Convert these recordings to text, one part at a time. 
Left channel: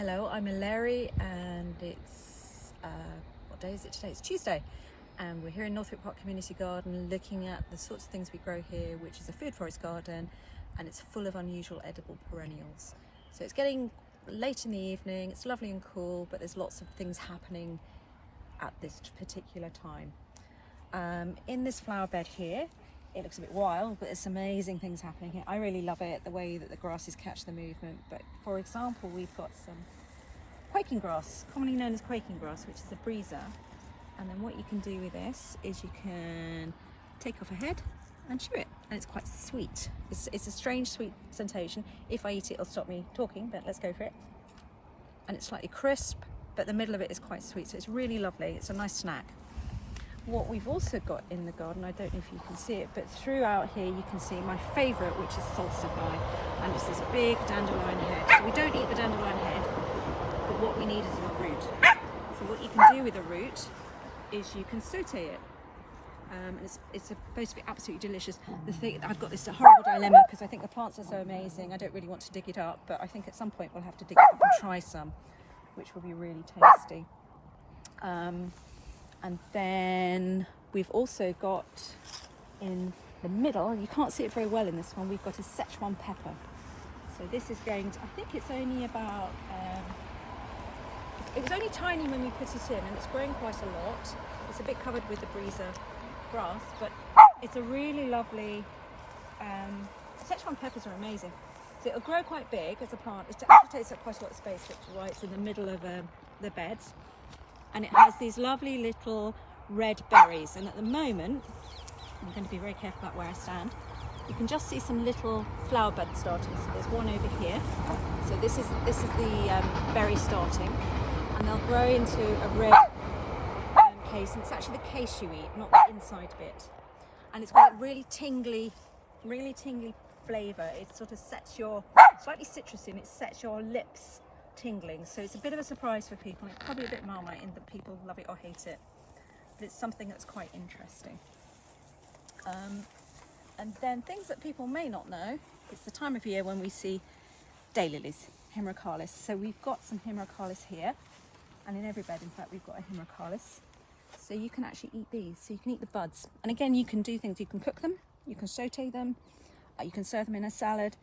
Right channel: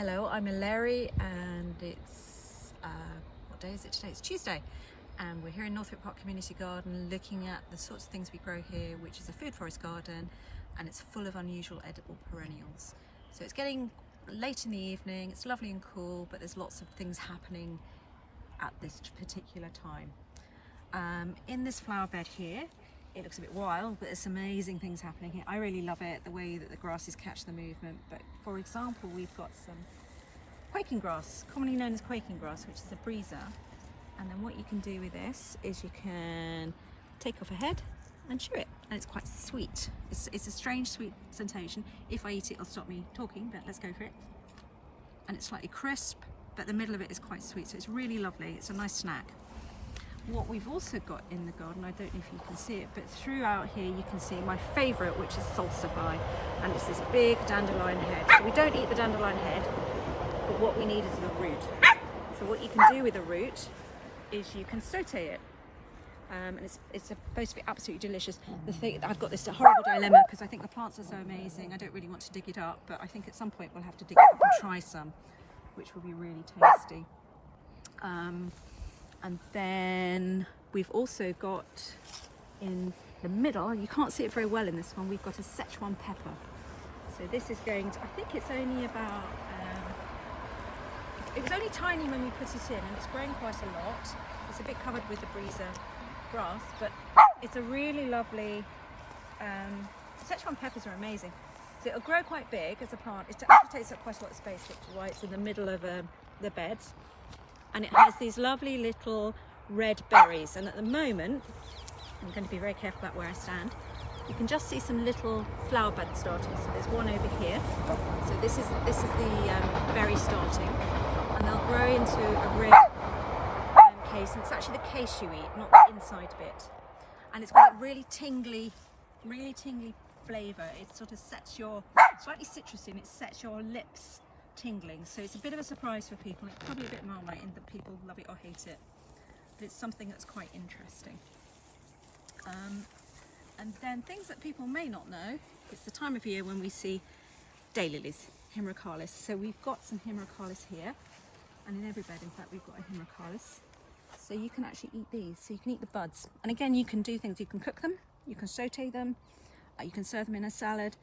Hello, I'm Eleri and it's, what day is it today? It's Tuesday, and we're here in Northwick Park Community Garden looking at the sorts of things we grow here, which is a food forest garden, and it's full of unusual edible perennials. So it's getting late in the evening, it's lovely and cool, but there's lots of things happening at this particular time. In this flower bed here, it looks a bit wild, but there's some amazing things happening here. I really love it, the way that the grasses catch the movement. But for example, we've got some quaking grass, commonly known as quaking grass, which is a breezer. And then what you can do with this is you can take off a head and chew it, and it's quite sweet. It's a strange sweet sensation. If I eat it, it'll stop me talking, but let's go for it. And it's slightly crisp, but the middle of it is quite sweet, so it's really lovely. It's a nice snack. What we've also got in the garden, I don't know if you can see it, but throughout here you can see my favourite, which is salsify, and it's this big dandelion head. So we don't eat the dandelion head, but what we need is the root. So what you can do with the root is you can saute it, and it's supposed to be absolutely delicious. The thing, I've got this horrible dilemma because I think the plants are so amazing. I don't really want to dig it up, but I think at some point we'll have to dig it up and try some, which will be really tasty. And then we've also got in the middle, you can't see it very well in this one, we've got a Szechuan pepper. So this is going to, I think it's only about, it was only tiny when we put it in, and it's growing quite a lot. It's a bit covered with the breezer grass, but it's a really lovely, Szechuan peppers are amazing. So it'll grow quite big as a plant. It actually takes up quite a lot of space, which is why it's in the middle of the beds. And it has these lovely little red berries, and at the moment I'm going to be very careful about where I stand. You can just see some little flower buds starting. So there's one over here. So this is the berry starting, and they'll grow into a red case, and it's actually the case you eat, not the inside bit. And it's got a really tingly flavour. It sort of sets your, slightly citrusy, and it sets your lips tingling, so it's a bit of a surprise for people. It's probably a bit Marmite in that people love it or hate it, but it's something that's quite interesting. And then things that people may not know, it's the time of year when we see daylilies, Himeracalis. So we've got some Himeracalis here, and in every bed in fact we've got a Himeracalis. So you can actually eat these, so you can eat the buds, and again you can do things, you can cook them, you can saute them, you can serve them in a salad.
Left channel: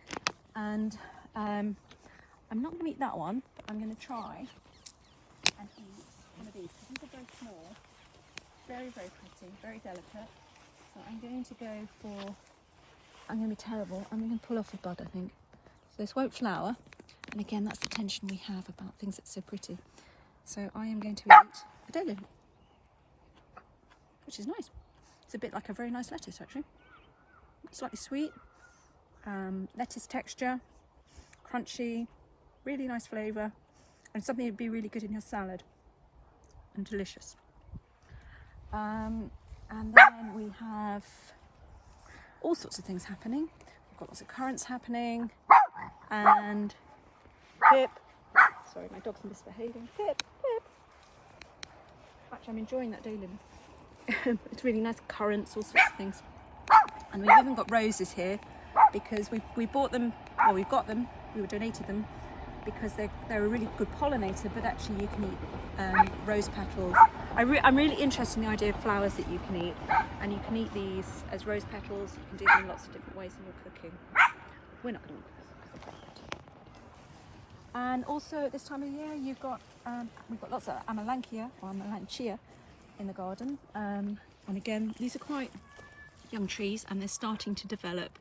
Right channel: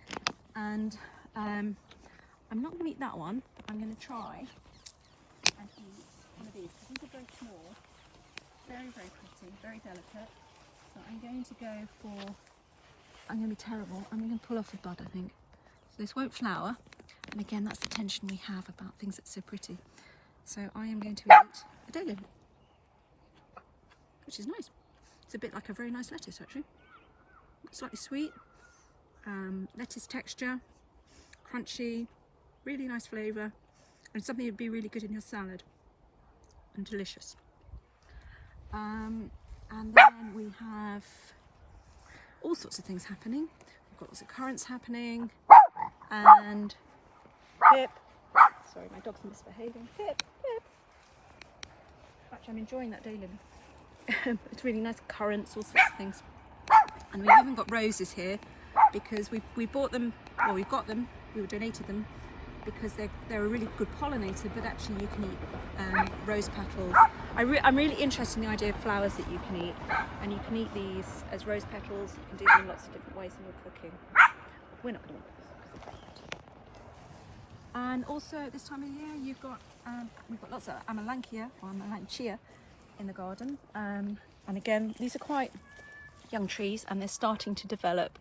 And I'm not going to eat that one, but I'm going to try and eat one of these, because these are very small, very pretty, very delicate. So I'm going to go for, I'm going to be terrible, I'm going to pull off the bud, I think. So this won't flower, and again that's the tension we have about things that's so pretty. So I am going to eat a daylily, which is nice. It's a bit like a very nice lettuce actually. Slightly sweet, lettuce texture, crunchy, really nice flavour, and something that'd be really good in your salad, and delicious. And then we have all sorts of things happening. We've got lots of currants happening, and Pip, sorry my dog's misbehaving, Pip. Actually I'm enjoying that daylily. It's really nice, currants, all sorts of things. And we've even got roses here, because we bought them, well we've got them, we were donated them, because they're a really good pollinator, but actually you can eat rose petals. I'm really interested in the idea of flowers that you can eat, and you can eat these as rose petals. You can do them in lots of different ways in your cooking. We're not going to. And also at this time of year we've got lots of Amelanchier or Amelanchia in the garden, and again these are quite young trees, and they're starting to develop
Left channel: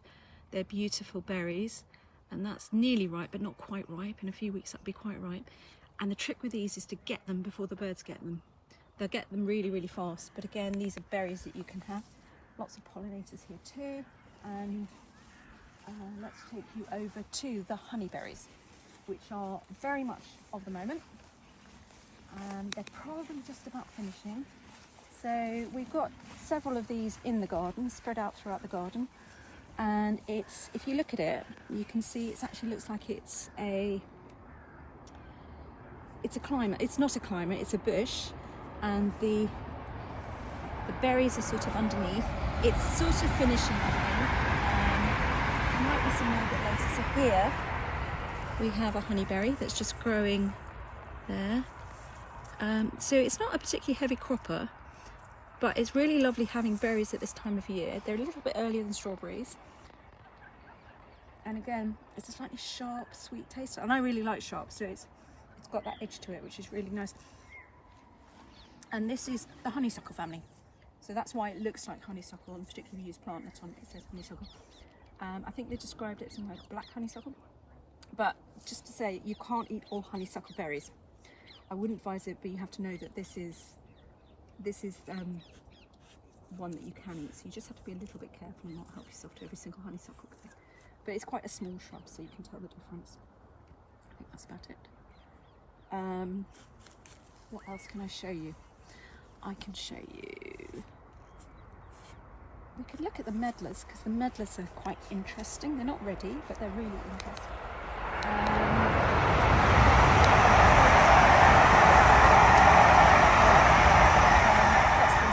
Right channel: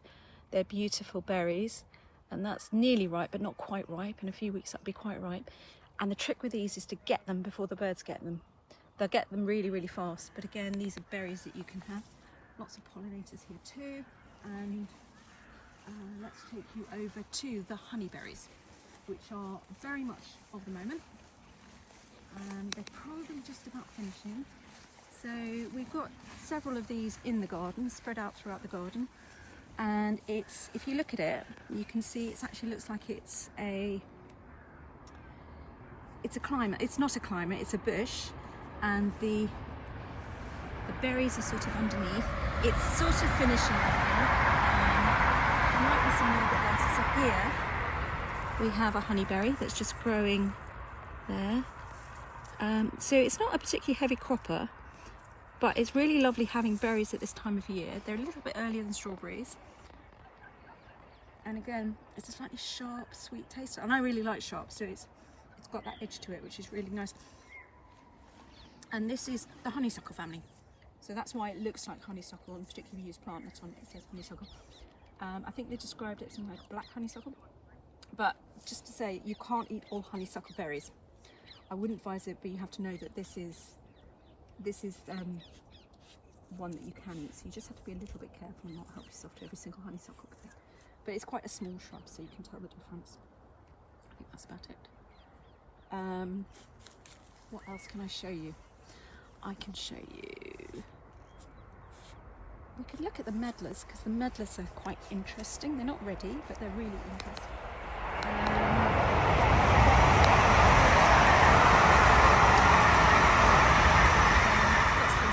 their beautiful berries. And that's nearly ripe, but not quite ripe. In a few weeks that'll be quite ripe. And the trick with these is to get them before the birds get them. They'll get them really fast, but again these are berries that you can have. Lots of pollinators here too. And let's take you over to the honeyberries, which are very much of the moment. They're probably just about finishing. So we've got several of these in the garden, spread out throughout the garden. And it's, if you look at it, you can see it actually looks like it's a climber. It's not a climber, it's a bush, and the berries are sort of underneath. It's sort of finishing now. There might be some a little bit later. So here we have a honeyberry that's just growing there. So it's not a particularly heavy cropper, but it's really lovely having berries at this time of year. They're a little bit earlier than strawberries. And again, it's a slightly sharp, sweet taste. And I really like sharp, so it's got that edge to it, which is really nice. And this is the honeysuckle family. So that's why it looks like honeysuckle, and particularly if you use plant nuts on it, it says honeysuckle. I think they described it as something like black honeysuckle. But just to say, you can't eat all honeysuckle berries. I wouldn't advise it, but you have to know that this is one that you can eat. So you just have to be a little bit careful and not help yourself to every single honeysuckle berry. But it's quite a small shrub, so you can tell the difference. I think that's about it. What else can I show you? I can show you. We could look at the medlars, because the medlars are quite interesting. They're not ready, but they're really interesting.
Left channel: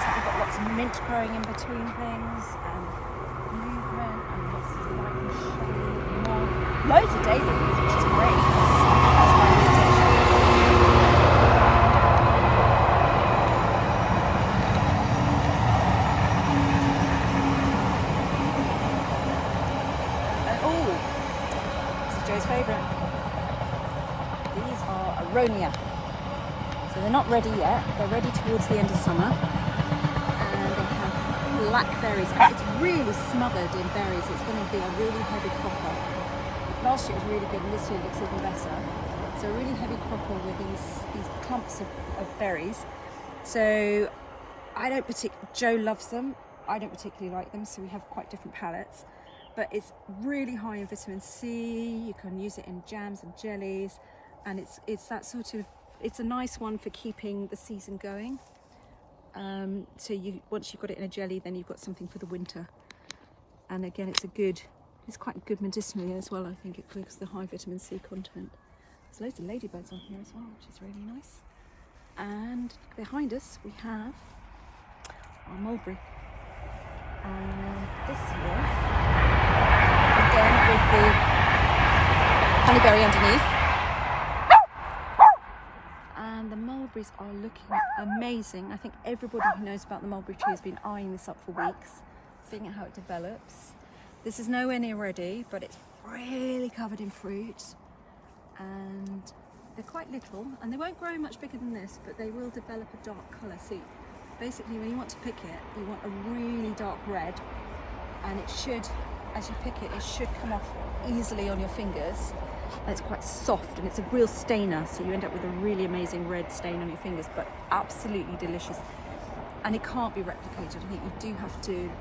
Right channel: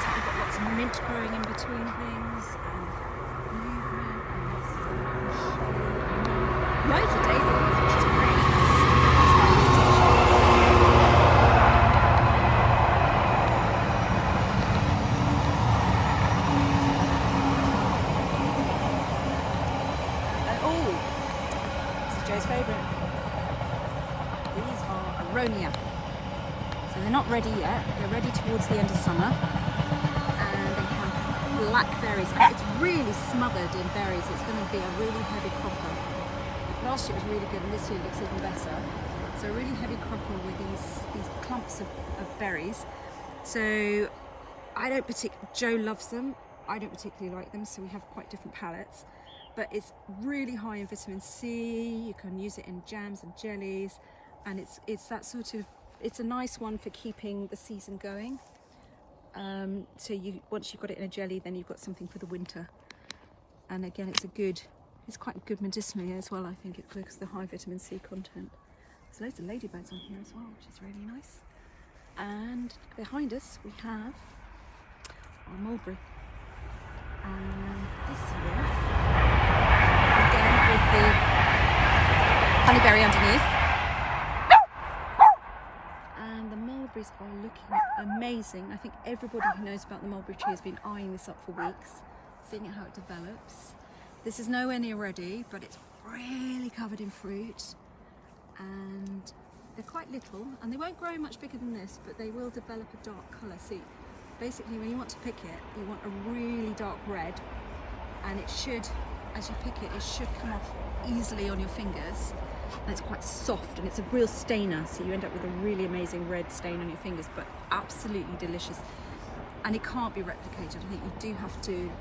We've got lots of mint growing in between things, and movement, and loads of daisies, which is great. Favourite. These are aronia. So they're not ready yet. They're ready towards the end of summer, and they have black berries. It's really smothered in berries. It's going to be a really heavy cropper. Last year it was really good, and this year it looks even better. So a really heavy cropper with these clumps of berries. So I don't particularly. Joe loves them. I don't particularly like them. So we have quite different palates. But it's really high in vitamin C. You can use it in jams and jellies, and it's that sort of, it's a nice one for keeping the season going. So once you've got it in a jelly, then you've got something for the winter. And again, it's quite good medicinally as well. I think it because of the high vitamin C content. There's loads of ladybirds on here as well, which is really nice. And behind us we have our mulberry. And this year, again with the honeyberry underneath, and the mulberries are looking amazing. I think everybody who knows about the mulberry tree has been eyeing this up for weeks, seeing how it develops. This is nowhere near ready, but it's really covered in fruit, and they're quite little, and they won't grow much bigger than this, but they will develop a dark colour. See, basically when you want to pick it, you want a really dark red, and it should, as you pick it, it should come off easily on your fingers. And it's quite soft, and it's a real stainer, so you end up with a really amazing red stain on your fingers, but absolutely delicious. And it can't be replicated. I think you do have to,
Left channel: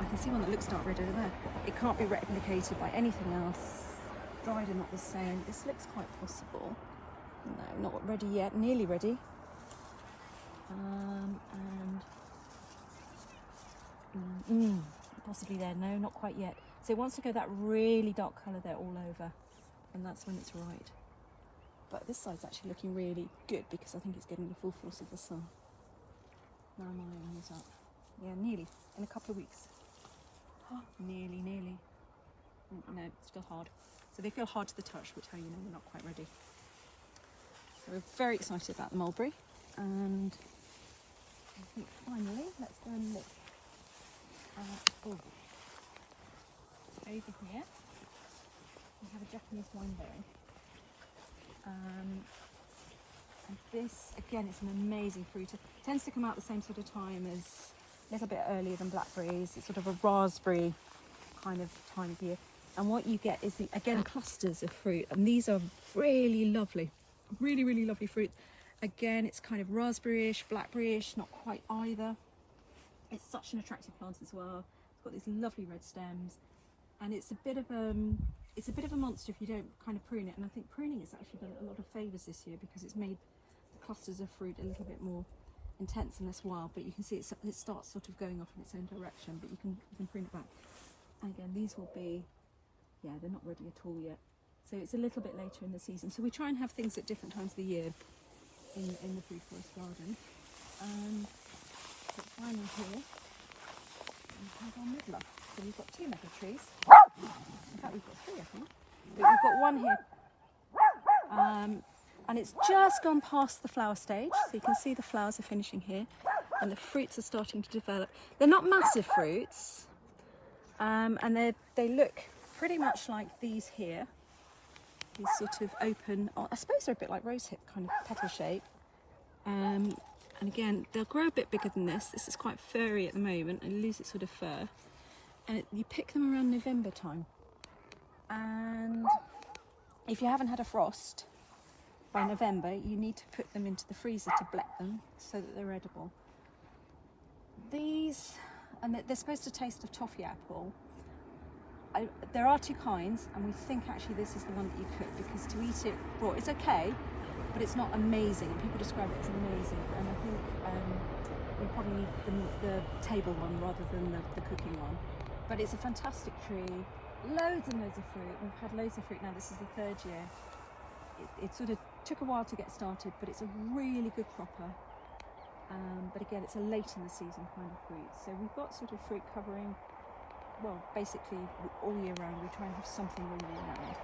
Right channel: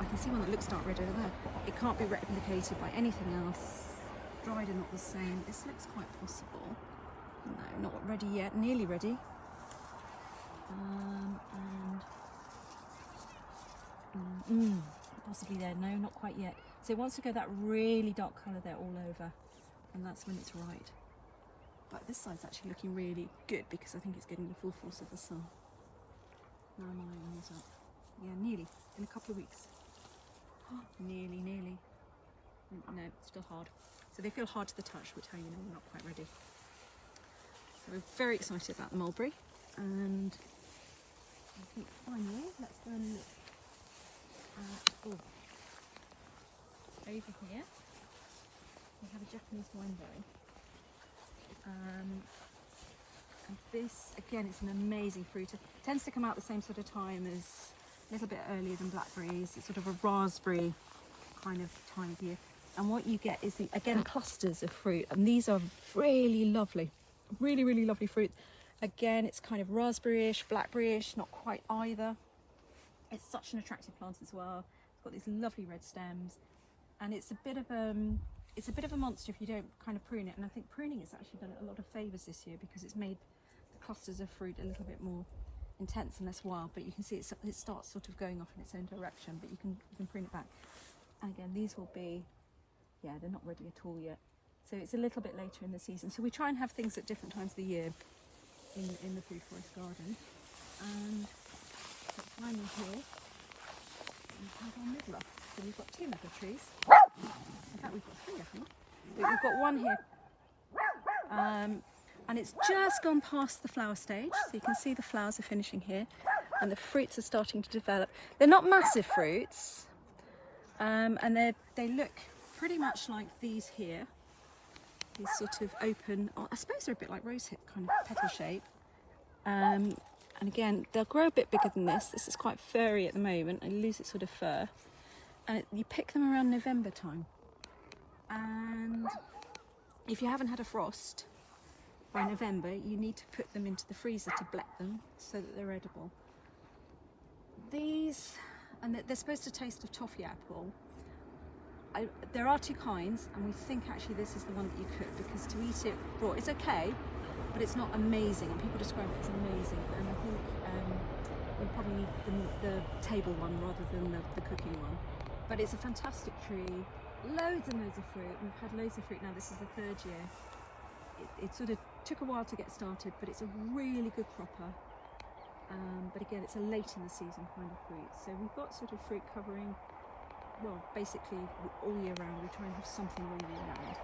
I can see one that looks dark red over there. It can't be replicated by anything else. Dried are not the same. This looks quite possible. No, not ready yet, nearly ready. And possibly there, no, not quite yet. So it wants to go that really dark colour there all over, and that's when it's right. But this side's actually looking really good because I think it's getting the full force of the sun. No, I'm on these up. Yeah, nearly, in a couple of weeks. Oh, nearly. No, still hard. So they feel hard to the touch, which how you know they're not quite ready. We're very excited about the mulberry, and I think finally, let's go and look at, over here, we have a Japanese wineberry. And this, again, it's an amazing fruit. It tends to come out the same sort of time as, a little bit earlier than blackberries. It's sort of a raspberry kind of time of year. And what you get is, again, clusters of fruit. And these are really lovely, really lovely fruit. Again, it's kind of raspberryish, blackberryish, not quite either. It's such an attractive plant as well. It's got these lovely red stems, and it's a bit of a monster if you don't kind of prune it. And I think pruning has actually done it a lot of favours this year because it's made the clusters of fruit a little bit more intense and less wild. But you can see it starts sort of going off in its own direction, but you can prune it back. And again, these will be, yeah, they're not ready at all yet. So it's a little bit later in the season. So we try and have things at different times of the year in the food forest garden. And finally here we have our midler. So we've got two medlar trees. In fact, we've got three, I think. We've got one here and it's just gone past the flower stage, so you can see the flowers are finishing here and the fruits are starting to develop. They're not massive fruits, and they look pretty much like these here, these sort of open, I suppose they're a bit like rosehip kind of petal shape. And again, they'll grow a bit bigger than this. This is quite furry at the moment and lose its sort of fur. And you pick them around November time. And if you haven't had a frost by November, you need to put them into the freezer to black them so that they're edible. These, and they're supposed to taste of toffee apple. There are two kinds, and we think actually this is the one that you cook, because to eat it raw, it's okay, but it's not amazing. People describe it as amazing, and I think we probably need the table one rather than the cooking one. But it's a fantastic tree, loads and loads of fruit. We've had loads of fruit now, this is the 3rd year. It sort of took a while to get started, but it's a really good cropper. But again, it's a late in the season kind of fruit. So we've got sort of fruit covering, well, basically all year round. We try and have something all year round.